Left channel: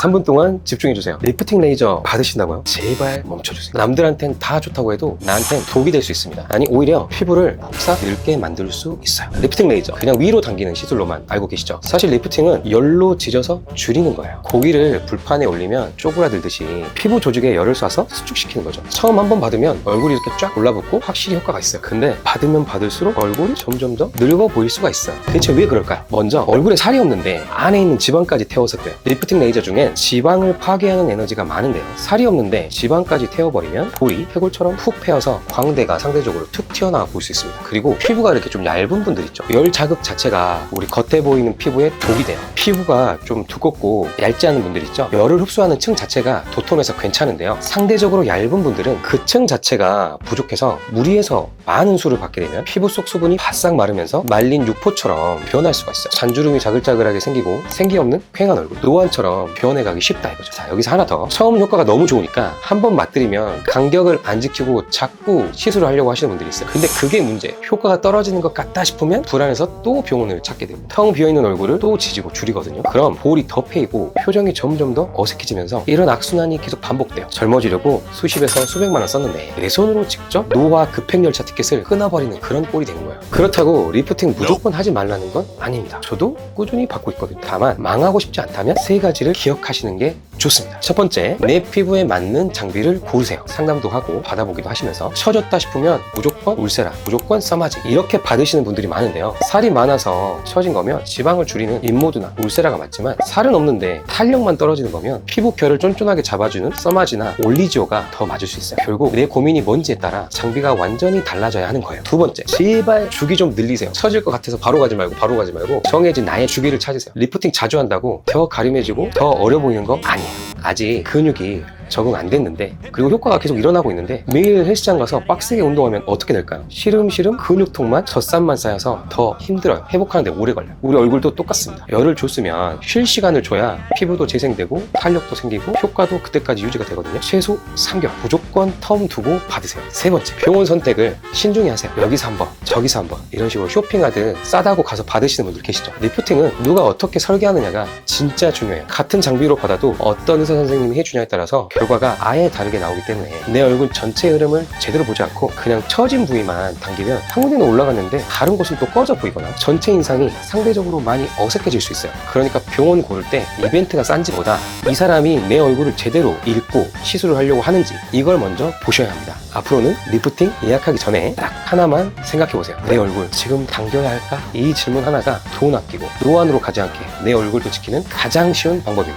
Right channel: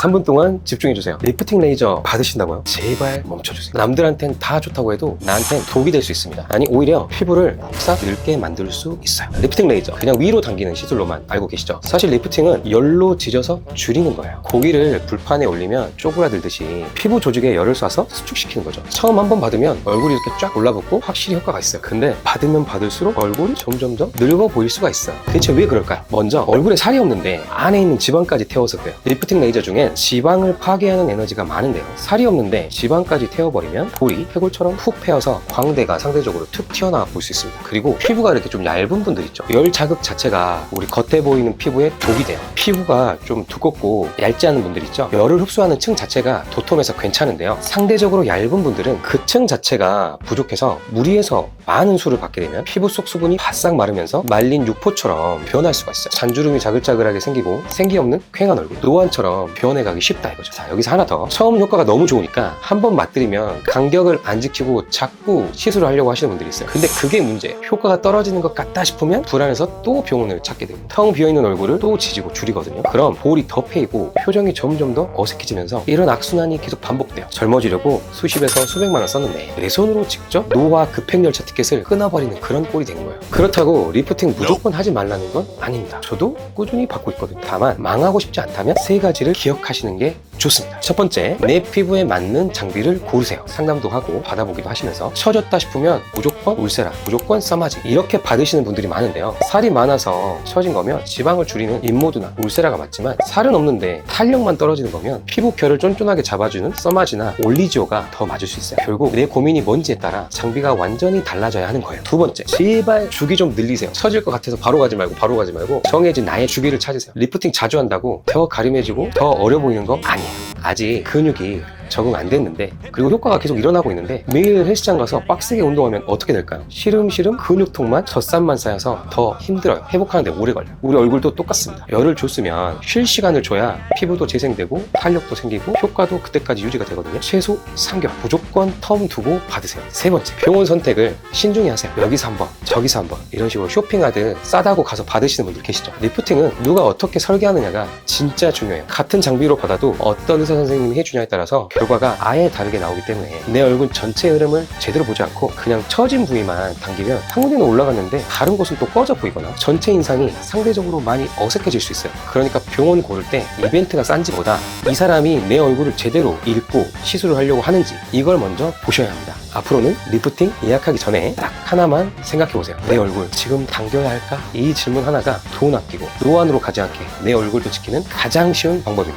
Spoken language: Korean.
3분 동안 집중해주세요. 리프팅 레이저 받으신다고요? 제발 멈춰주세요. 남들한텐 다 좋다고 해도 나한텐 독이 될 수 있습니다. 아니 오히려 피부를 싹 늙게 만들 수 있어요. 리프팅 레이저 그냥 위로 당기는 시술로만 알고 계시죠? 사실 리프팅은 열로 지져서 줄이는 거예요. 고기를 불판에 올리면 쪼그라들듯이 피부 조직에 열을 쏴서 수축시키는 거죠. 처음 한번 받으면 얼굴이 이렇게 쫙 올라붙고 확실히 효과가 있어요. 근데 받으면 받을수록 얼굴이 점점 더 늙어 보일 수가 있어요. 대체 왜 그럴까요? 먼저 얼굴에 살이 없는데 안에 있는 지방까지 태워서 그래요. 리프팅 레이저 중에 지방을 파괴하는 에너지가 많은데요. 살이 없는데 지방까지 태워버리면 볼이 해골처럼 푹 패여서 광대가 상대적으로 툭 튀어나와 보일 수 있습니다. 그리고 피부가 이렇게 좀 얇은 분들 있죠. 열 자극 자체가 우리 겉에 보이는 피부에 독이 돼요. 피부가 좀 두껍고 얇지 않은 분들 있죠. 열을 흡수하는 층 자체가 도톰해서 괜찮은데요. 상대적으로 얇은 분들은 그 층 자체가 부족해서 무리해서 많은 수를 받게 되면 피부 속 수분이 바싹 마르면서 말린 육포처럼 변할 수가 있어요. 잔주름이 자글자글하게 생기고 생기 없는 퀭한 얼굴, 노안처럼 변해가기 쉽다 이거죠. 자, 여기서 하나 더. 처음 효과가 너무 좋으니까 한 번 맞들이면 간격을 안 지키고 자꾸 시술을 하려고 하시는 분들이 있어요. 근데 그게 문제. 효과가 떨어지는 것 같다 싶으면 불안해서 또 병원을 찾게 됩니다. 텅 비어있는 얼굴을 또 지지고 줄이거든요. 그럼 볼이 더 패이고 표정이 점점 더 어색해지면서 이런 악순환이 계속 반복돼요. 젊어지려고 수십에서 수백만 원 썼는데 내 손으로 직접 노화 급행열차 티켓을 끊어버리는 그런 꼴이 되는 거예요. 그렇다고 리프팅 무조건 하지 말라는 건 아닙니다. 저도 꾸준히 받고 있거든요. 다만 망하고 싶지 않다면 세 가지를 기억하시는 게 좋습니다. 첫 번째, 내 피부에 맞는 장비를 고르세요. 상담도 하고 받아보기도 하시면서 처졌다 싶으면 무조건 울세라, 무조건 써마지 이렇게 받으시는 분들이 많은데요. 살이 많아서 처진 거면 지방을 줄이는 인모드나 울세라가 맞지만 살은 없는데 탄력만 떨어지는 거면 피부 결을 쫀쫀하게 잡아주는 써마지나 올리지오가 더 맞을 수 있어요. 결국 내 고민이 뭔지에 따라 장비가 완전히 달라져야 하는 거예요. 두 번째, 제발 주기 좀 늘리세요. 처질 것 같아서 바로 가지 말고 정해진 나의 주기를 찾으세요. 리프팅 자주 한다고 더 가림해지고 더 어려 보이는 거 아니에요. 아직 근육이 적응 안 됐는데 그리고 효과가 계속 일어나고 있는데 매일 헬스장 가서 빡세게 운동하면 어떻게 될까요? 시름시름 근육통만 젖산만 쌓여서 더 힘들어요. 회복하는데 오래 걸려요. 우리 얼굴도 똑같습니다. 열을 줬으면 쉴 시간을 줘야 피부도 재생되고 탄력도 생기고 효과도 그때까지 유지가 되거든요. 최소 3개월 무조건 텀 두고 받으세요. 세 번째, 병원 선택을 신중히 하세요. 여기서 한번 저기서 한번 이런 식으로 쇼핑하듯 싸다고 가서 받으시는 분들 계시죠. 리프팅은 누가 어떻게 설계하느냐가 진짜 중요해요. 같은 장비로 받아도 어떤 의사 선생님이 해주냐에 따라서 결과가 아예 다르게 나오기 때문에 내 얼굴 전체 흐름을 제대로 보지 않고 그냥 처진 부위만 당기면 한 군데는 올라갔는데 다른 곳은 또 부러져 보이거나 전체 인상이 상대적으로 많이 어색해질 수 있어요. 그러니까 병원 고를 때 이벤트가 싼지보다 이 사람이 내 얼굴을 제대로 읽고 시술을 하려고 하는지 이걸 먼저 보셔야 합니다. 앞으로는 리프팅 예약하기 전에 딱 하나만 생각해보세요. 내 얼굴 지금 당겨야 할까? 이 질문 하나가 돈 아끼고 노안으로 가지 않게 내 얼굴을 지키는 가장 쉬운 방법입니다.